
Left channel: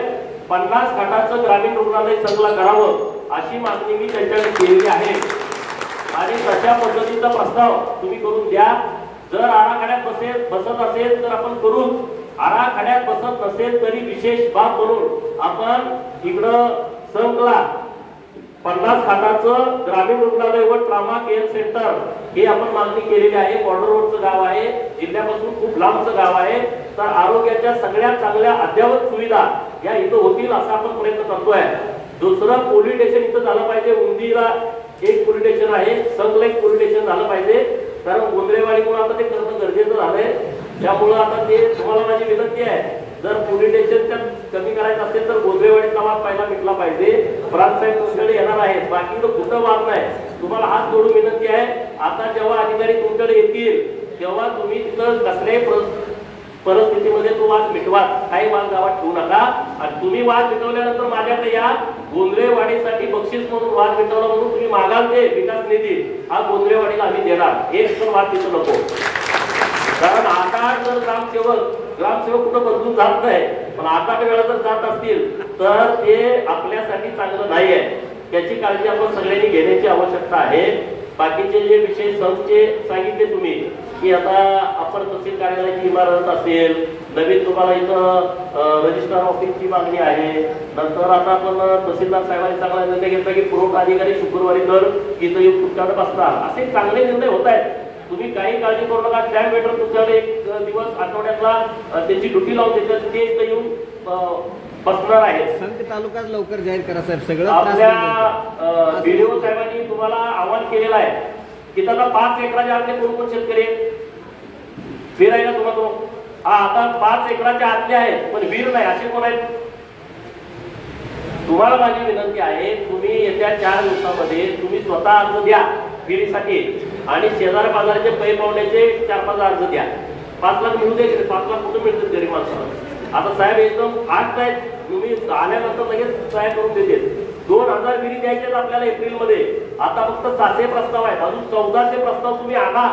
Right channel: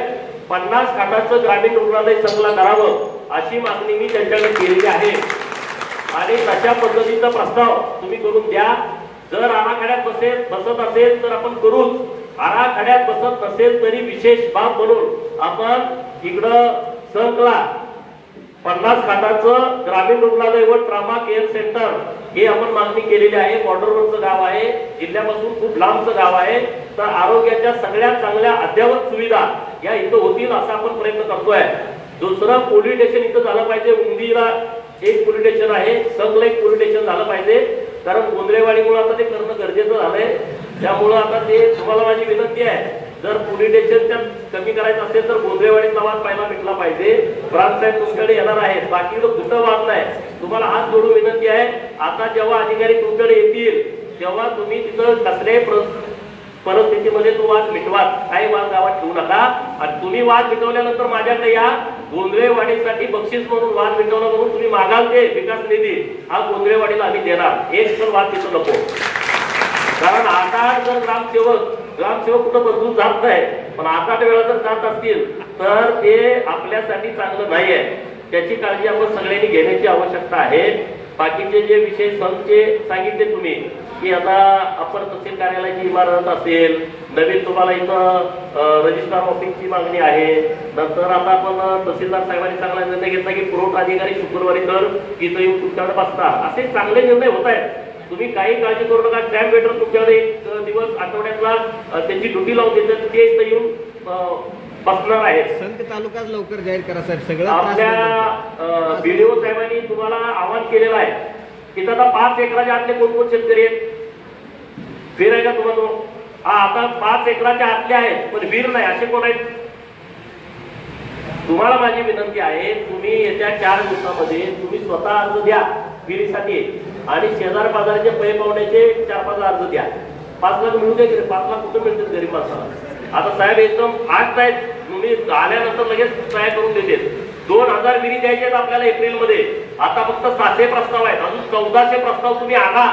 50 खाटाचं ग्रामीण रुग्णालय संकला करावं अशी मागणी मी त्यांच्याकडे केलेली आहे आणि तशा पद्धतीचा प्रस्ताव तुम्ही करून द्या. जर आराखड्यात बसत असेल तर आपण करूच, आराखड्यात बसत नसेल तरी विशेष बाब म्हणून आपण इकडं संकला 50 खाटाचं ग्रामीण रुग्णालय व ट्रॉमा केअर सेंटर हे आपण मागणी केलेली आहे. बॉर्डरवरचं गाव आहे, जिल्ह्यापासून खूप लांबचं गाव आहे. तर आरोग्याच्या सगळ्या चांगल्या अद्ययावत सुविधा या इथं होतील असा आपण प्रयत्न करतोय. दुसरं पोलीस स्टेशन इथं झालं पाहिजे. उंदीला 1 पोलीस स्टेशन आहे, संगला 1 पोलीस स्टेशन झालं पाहिजे, कारण गोंधळेवाडीमुळे आता ते करणं गरजेचं झालंय. त्यामुळं आता ते तुम्हाला माझी विनंती आहे, जर पोलीस स्टेशन कमी करायचं असेल तर गोंधळेवाडीचा वाद पहिला मिटला पाहिजे. प्रांत साहेब तुमच्याकडे येणार आहेत, बाकी कुठं वाद नाही. तुम्हाला हात जोडून विनंती आहे, आता जेव्हा अधिकारी तुमच्याकडे येतील तेव्हा तुम्ही तिथं कसल्याही परिस्थितीमध्ये तो वाद मिटवा. काही वाद गावात ठेवू नका. आणि तुम्ही वाद मिटवल्यानंतर माझ्याकडे या. गोंधळेवाडीसाठी बक्षीस म्हणून वाद मिटवला म्हणून तुम्ही मागाल ते विकास निधी, हा गोंधळेवाडीला आम्ही देणार. एक पण वाद तिथं नको. कारण 8 जर ग्रामसेवक कुठं बदलून जात नाही, पण 8 वेळा जर जात असतील तर ते आपल्यासाठी चांगलं नाहीये. त्याची काळजी आपण सगळ्यांनी घेण्याची आवश्यकता आहे. बाकीचे जे विषय संघचे सांगितले तुम्ही की आता अपर तहसील कार्यालयाची इमारत असेल, नवीन तुम्हाला इथं रजिस्ट्रार ऑफिसची मागणी आहे. नंतर आता आपण तहसीलदार साहेबांनी चांगला निर्णय घेतला की पुरवठा अधिकारी शुक्रवारी तर इथं येऊन तुमच्याकडे बसतात. असे चांगले निर्णय होत आहेत. तुम्ही काही काळजी करू नका. स्टॅम्प वेटर तुमच्याकडे 1 दिवस आठवड्यातला त्याची ड्युटी लावून देतात, ते इथं येऊन बसणार आहेत. संत तालुका लवकर जाहीर करा साहेब. सगळं आपल्या व्हिडिओ साहेबांनी तुम्हाला आवाहन केलेलं आहे. तिथं आता 5 एकराच्या आतले कोण शेतकरी आहेत? वीर आहे का तुम्हाला? आता 5 एकराच्या आतले आहेत पण वीर नाही, असे कोण आहेत? तुम्हाला माझी विनंती आहे, तुम्ही येत्या 4 दिवसामध्ये तुम्ही स्वतः अर्ज द्या. विहिरीसाठी आणि शेजार बाजाराचे पै पावण्याचे 4-5 अर्ज द्या. 5 लाख मिळू दे. 5 लाख कुठं मिळतील गरीब माणसाला? आता साहेब एकदम फास्ट आहेत, तुम्ही आल्यानंतर लगेच तयार करून देते. 2000 विहिरी द्यायचे आहेत आपल्याला एप्रिलमध्ये. आता फक्त 700 प्रस्ताव आहेत, अजून 1400 प्रस्ताव तुम्ही आणा.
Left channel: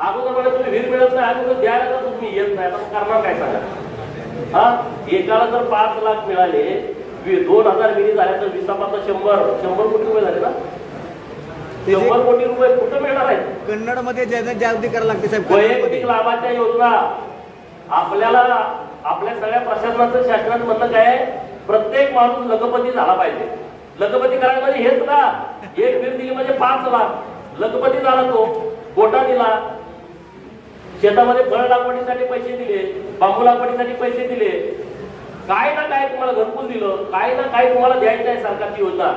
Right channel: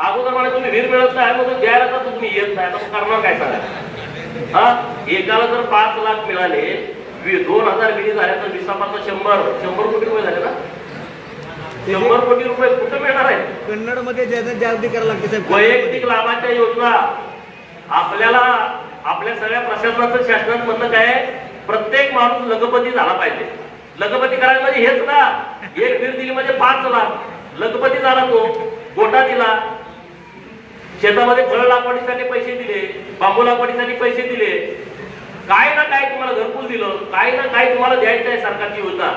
अगोदर मला तुम्ही विहीर मिळत नाही अगोदर द्यायला तर तुम्ही येत नाही, तर करणार काय सांगा? हा, एकाला जर 5 लाख मिळाले, 2000 विहिरी झाल्या तर 100 कोटी रुपये झाले ना. 100 कोटी रुपये कुठं मिळणार आहेत? कन्नड मध्ये जागृती करायला लागते साहेब. वैयक्तिक लाभाच्या योजना आपल्याला आपल्या सगळ्या प्रशासनाचं शासनाचं म्हणणं काय, प्रत्येक माणूस लखपती झाला पाहिजे. लखपती करायला म्हणजे हेच ना, एक विहीर दिली म्हणजे 5 लाख लखपती झाला. तो गोटा दिला, शेतामध्ये फळ लागवडीसाठी पैसे दिले, बांबू लागवडीसाठी पैसे दिले, काय ना काय तुम्हाला घरकुल दिलं, काय ना काय तुम्हाला द्यायचं आहे सरकारची योजना.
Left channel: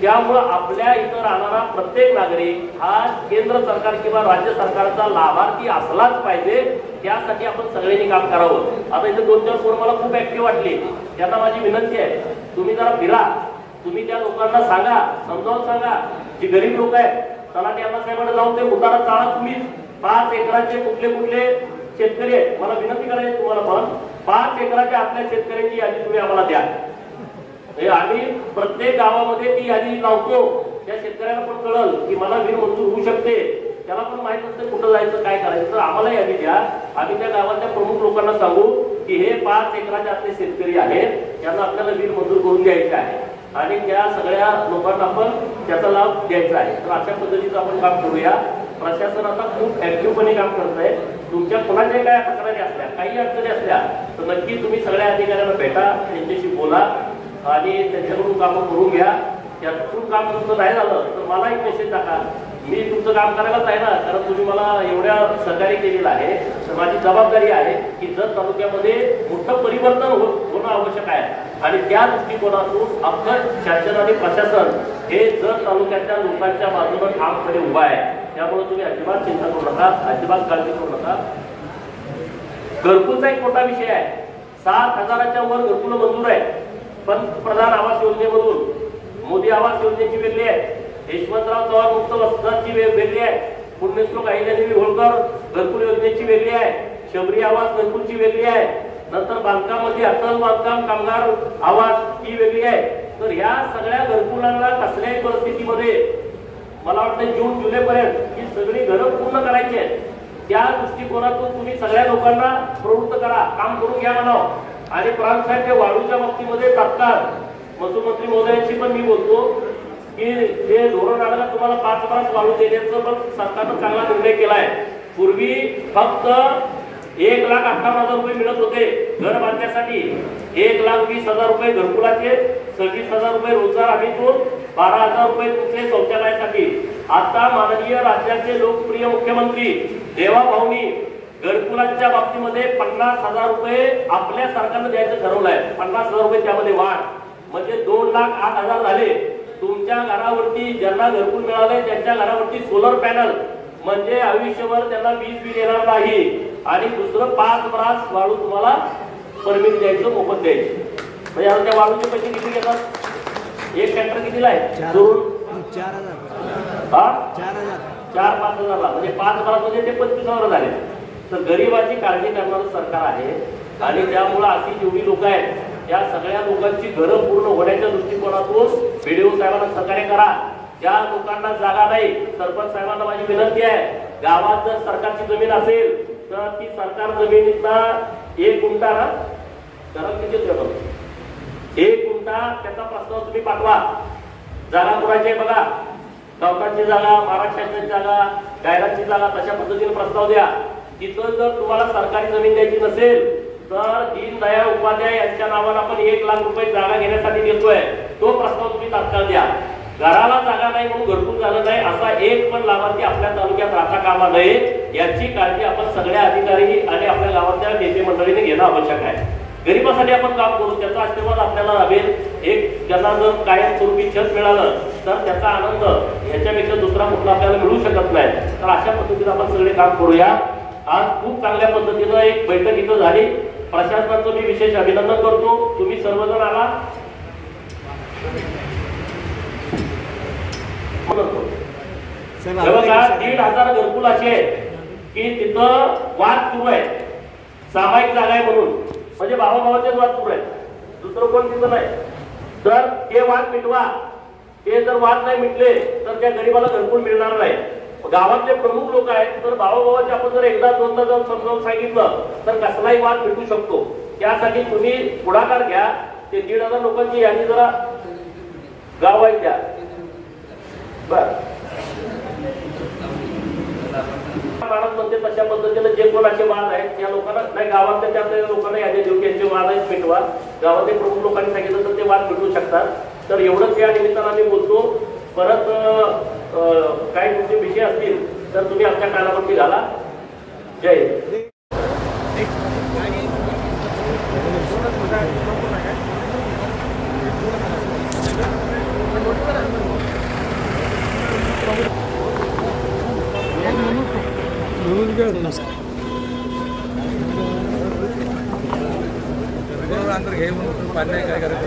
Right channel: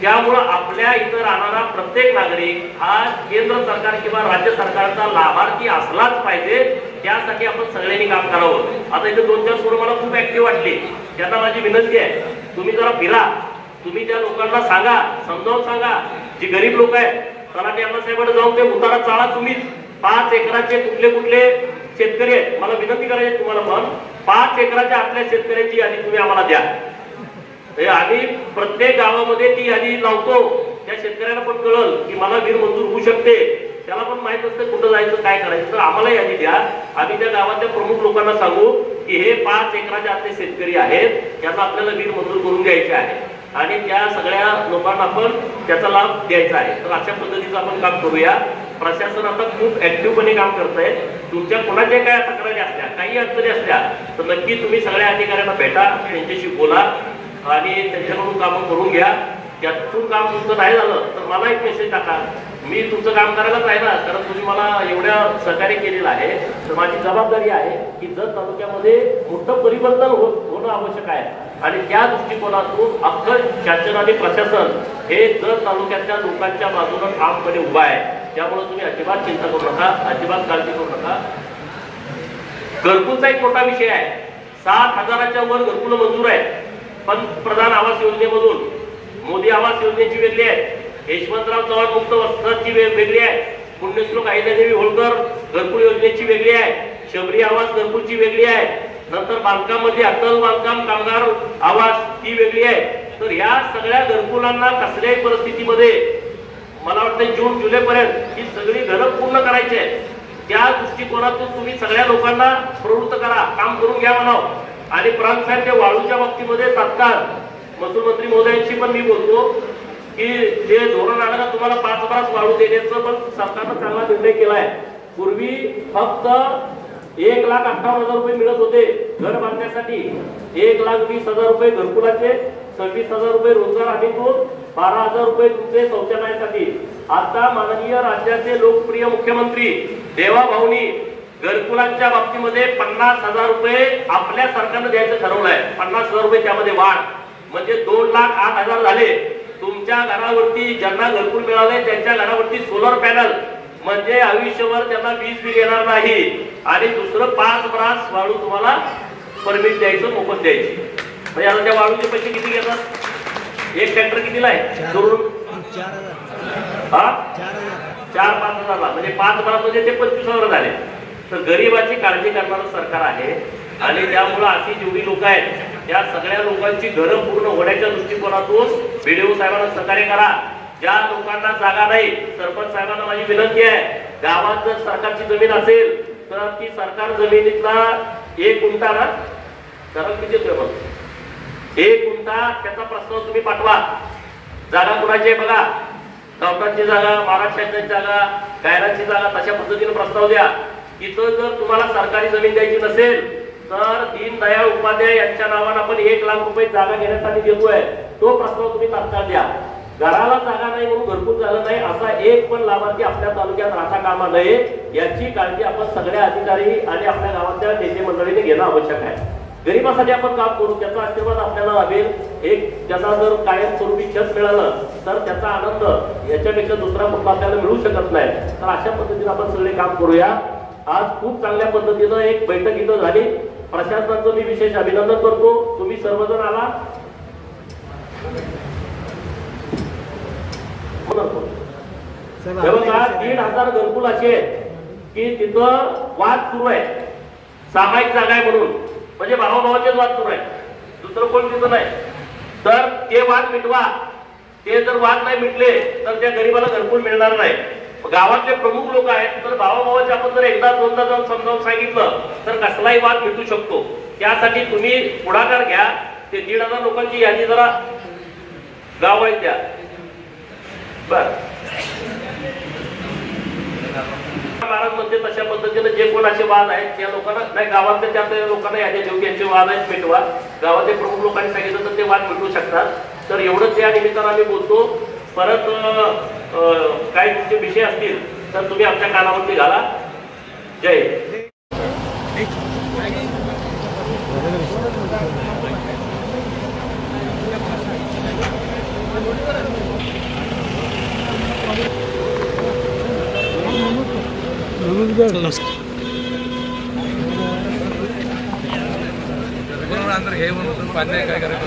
त्यामुळं आपल्या इथं राहणारा प्रत्येक नागरिक हा केंद्र सरकार किंवा राज्य सरकारचा लाभार्थी असलाच पाहिजे. त्यासाठी आपण सगळ्यांनी काम करावं. आता इथे 2-4 सोड मला खूप ऍक्टिव्ह वाटली. त्यांना माझी विनंती आहे, तुम्ही जरा फिरा, तुम्ही त्या लोकांना सांगा, समजावून सांगा. जी गरीब लोक आहेत तलाठी अण्णासाहेबांकडे जाऊन ते उतारा चाळा. तुम्हीच 5 एकराचे कुठले कुठले शेतकरी आहेत, मला विनंती करायची तुम्हाला, पण 5 एकराच्या आतल्या शेतकऱ्यांची यादी तुम्ही आम्हाला द्या. आम्ही प्रत्येक गावामध्ये ती यादी लावतो. त्या शेतकऱ्याला पण कळल की मला विहीर मंजूर होऊ शकते, त्याला पण माहित असतं कुठं जायचं काय करायचं. तर आम्हाला यादी द्या, आम्ही त्या गावाच्या प्रमुख लोकांना सांगू की हे 5 एकराच्या आतले शेतकरी आहेत, त्यांना आपल्याला विहीर मंजूर करून द्यायचे आहे आणि त्या सगळ्या लोकांना आपण त्याचा लाभ द्यायचा आहे. तर अशा पद्धतीचं आपण काम करूया. प्रशासन आता खूप ऍक्टिव्हपणे काम करत आहे. तुमच्या कोणाच्या काय तक्रारी असल्या, काही अडचणी असल्या तर नक्की तुम्ही सगळ्या अधिकाऱ्यांना भेटा, त्यांच्याशी बोला आणि त्यांच्याकडून कामं करून घ्या. त्यातून काम तुमचं नाही झालं तर मला एक मेसेज टाका, मी तुमचं काम करायलाच आहे ना, कारण तुम्ही मला एवढ्या सहकार्य केलेलं आहे. तर माझी जबाबदारी आहे की जर तालुक्यामध्ये मोठं परिवर्तन होणं आवश्यक आहे आणि त्या दृष्टिकोनातून अख्खं शासन आणि प्रशासन हे जर तालुक्याच्या लोकांच्या बाजूने ठामपणे उभा आहे. त्यामुळे तुम्ही अजिबात चिंता करू नका, अजिबात काळजी करू नका. घरकुलचा एक मोठा विषय आहे. 7,000च्या वर घरकुल मंजूर आहे. पंतप्रधान आवास योजनेमधून मोदी आवास योजनेची वेगळी आहे, यशवंतराव चव्हाण मुक्त वस्त्राची वेगळी आहे, पुण्यश्लोक अहिल्यादेवी होळकर घरकुल योजनेची वेगळी आहे, शबरी आवास घरकुलची वेगळी आहे, नंतर बांधकामामध्ये अटल बांधकाम कामगार आवास ती वेगळी आहे. तर या सगळ्या घरकुलांना कसल्याही परिस्थितीमध्ये मला वाटतं जून जुलै पर्यंत ही सगळी घरं पूर्ण करायची आहे. त्या दृष्टिकोनातून तुम्ही सगळ्या लोकांना प्रवृत्त करा, काम करून घ्या म्हणावं. आणि प्रांतांच्या वाळूच्या बाबतीमध्ये तात्काळ महसूल मंत्री महोदयांशी पण मी बोलतो की जे धोरण आलं तुम्हाला 5 वाळू देण्याचं पण सरकारनं चांगला निर्णय केलाय. पूर्वी फक्त 1,58,000 रुपये मिळत होते घर बांधण्यासाठी, 1,20,000 रुपये घरकुलाचे, 26,000 रुपये रोजगार हमीतून, 12,000 रुपये तुमचे शौचालयासाठी. आता माननीय राज्याचे लोकप्रिय मुख्यमंत्री देवाभाऊनी घरकुलांच्या बाबतीमध्ये 50,000 रुपये आपल्या सरकारनं द्यायचं ठरवलंय. 50,000 रुपये त्यामध्ये वाढ, म्हणजे 2,08,000 झाले. तुमच्या घरावरती ज्यांना घरकुल मिळाले त्यांच्या घरावरती सोलर पॅनल, म्हणजे आयुष्यभर त्यांना वीज बिल येणार नाही. आणि दुसरं 5 वाळू तुम्हाला परमिट द्यायचं, मोफत द्यायची. म्हणजे आता त्या वाळूचे पैसे किती घेतात? एक ट्रॅक्टर कितीला आहे? 4,000-5,000, म्हणजे 5 मध्ये ते 25,000 झाले. तर गरिबाची काळजी करणारं सरकार आहे आणि त्यामुळं अशी जेवढी लोक आहेत त्या सगळ्या लोकांची घरं पूर्ण होण्याच्या दृष्टिकोनातून BDO साहेबांना सहकार्य करा. ज्या लोकांना जागा नाही, सरपंच साहेबांना माझी विनंती आहे, गावात जर सरकारची जमीन असेल तर ती सरकार जमिनीतला 1 गुंठा ना, कारण किती प्रमाण 1 गुंठा त्याचा प्रस्ताव तुम्ही पाठवा. जागा कुणाची आहे बघा, डॉक्टरांची जागा, महाराष्ट्राची जागा, गायरांची जागा, तशा पद्धतीने प्रस्ताव द्या. इथं जर तुम्हाला सरकारी जमीन द्यायची नसेल तर दीनदयाळ उपाध्याय यांच्या नावानं आपण 1 लाख रुपये जागा घेण्यासाठी देतोय, तो प्रस्ताव तुम्ही तात्काळ द्या. घराला जागा नाही म्हणून घरकुल झालं नाही असा एक पण लाभार्थी आपल्या तालुक्यात राहता कामा नये, याची काळजी आपण सगळ्या अधिकारी आणि आपल्या गावातल्या नेते मंडळीने घेणं आवश्यक आहे. गरिबासाठी आपण काम करू, त्याचा आशीर्वाद आपल्याला लाभेल. एक ज्यांना जर कायमस्वरूपी छत मिळालं तर त्याचा आनंद याच्यापेक्षा दुसरा कुठला आपल्याला मिळू शकत नाही. तर अशा पद्धतीने आपण सगळे काम करूया. आज खूप चांगल्या पद्धतीनं एक बैठक इथं झाली. प्रशासनाचं मी विशेष अभिनंदन करतो. तुम्ही सर्वजण आला. बघा 1,500 घरकुल असे आहेत की तिथं वाद सुरू आहे, सामायिक जागा आहे म्हणून, म्हणजे भावाभावाचेच वाद सुरू आहे, दुसरं कोण तिथं नाही. तर ते वाद मिटवा. ते जर वाद नाही मिटले तर त्या गरीबाला घरकुल मिळणार नाही. गावातले प्रमुख लोक आहेत, तर भावाभावाचे आपण जर एकदा दोनदा जाऊन समजावून सांगितलं तर कसलाही वाद मिटू शकतो. त्यासाठी तुम्ही पुढाकार घ्या. ते 1,500 लोकांची यादी जरा गाव आहे त्या बर महाराज म्हणते तशा पद्धतीने जे कोण असे वाद आहेत त्या लोकांना नाही, गावातल्या त्या लोकांना यादी देऊ, यांचे वाद आहेत मिटवा. गावातल्या प्रमुख लोकांनी सांगितलं तर ते वाद मिटवू शकतात. तर एवढंच या निमित्तानं आम्ही बोलतो. परत काही तुमचे विषय असतील तर तुम्ही आपल्या कानावरती घाला. जय बरोबर अंदर घे म्हणून पाणी काय करायचं